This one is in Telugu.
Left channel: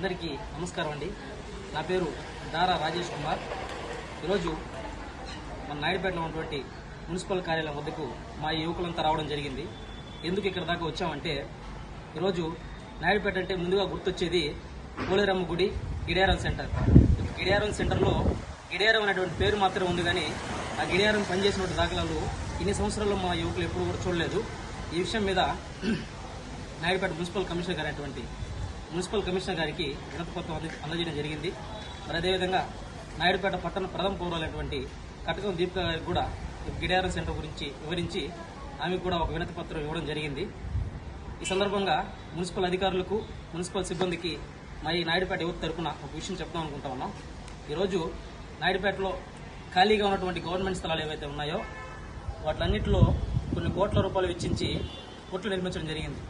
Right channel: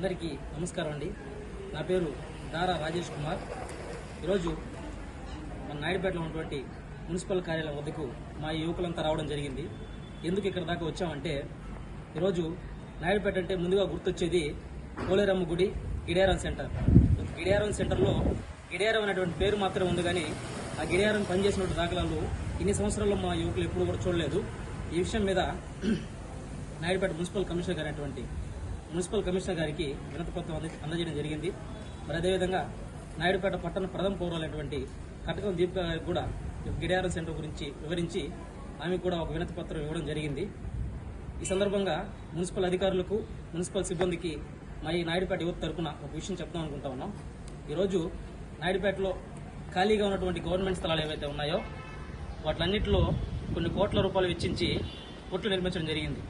అందరికీ నమస్కారం అండి. నా పేరు దారా రాజేష్ కుమార్. ఈరోజు మన నాయుడుపేటలో ఉన్నటువంటి మున్సిపల్ కార్యాలయం వద్దకు మా యువకులంతా రావడం జరిగింది. ఎందుకు ఇక్కడ దాకా వచ్చామంటే ఈరోజు నాయుడుపేట అంటే ముందుగా గుర్తొచ్చేది పోలేరమ్మ గుడి గిడియారం సెంటర్. గిడియారం సెంటర్లో గిడియారం అనేటువంటి పేరు మాత్రం ఉంది కానీ ఆ గిడియారం పనిచేసినటువంటి దాఖలాలు ఇన్ని సంవత్సరాల్లో మా యువకులు ఎప్పుడు కూడా చూడలేదు. ఈ విషయం మీద నాయుడుపేట మున్సిపల్ కమిషనర్ గారు మున్సిపల్ కమిషనర్ గారికి వినతి పత్రం అందజేయడం జరిగింది. మరి అదేవిధంగా నాయుడుపేట పట్టణ ప్రథమ పౌరులైనటువంటి కటకం దీపిక గారికి కూడా గిడారం సెంటర్ గురించి వివరించి ఆమె కూడా ఒక వినతి పత్రం ఇవ్వడం జరిగింది. ఈ సందర్భంగా మున్సిపల్ అధికారులకు మున్సిపల్ సిబ్బందికి మా ఈ నాయుడుపేట యువత తరపున ఒక విషయం చెప్దాం అనుకుంటా ఉన్నాం. ఈరోజు నాయుడుపేటలో ఖాళీగా ఉన్నటువంటి గవర్నమెంట్ స్థలాలు ఏవైతే ఉన్నాయో వాటిలన్నింటిలో కొన్ని కోట్ల రూపాయలు వెచ్చించి కొట్లు నిర్మించడం జరిగింది.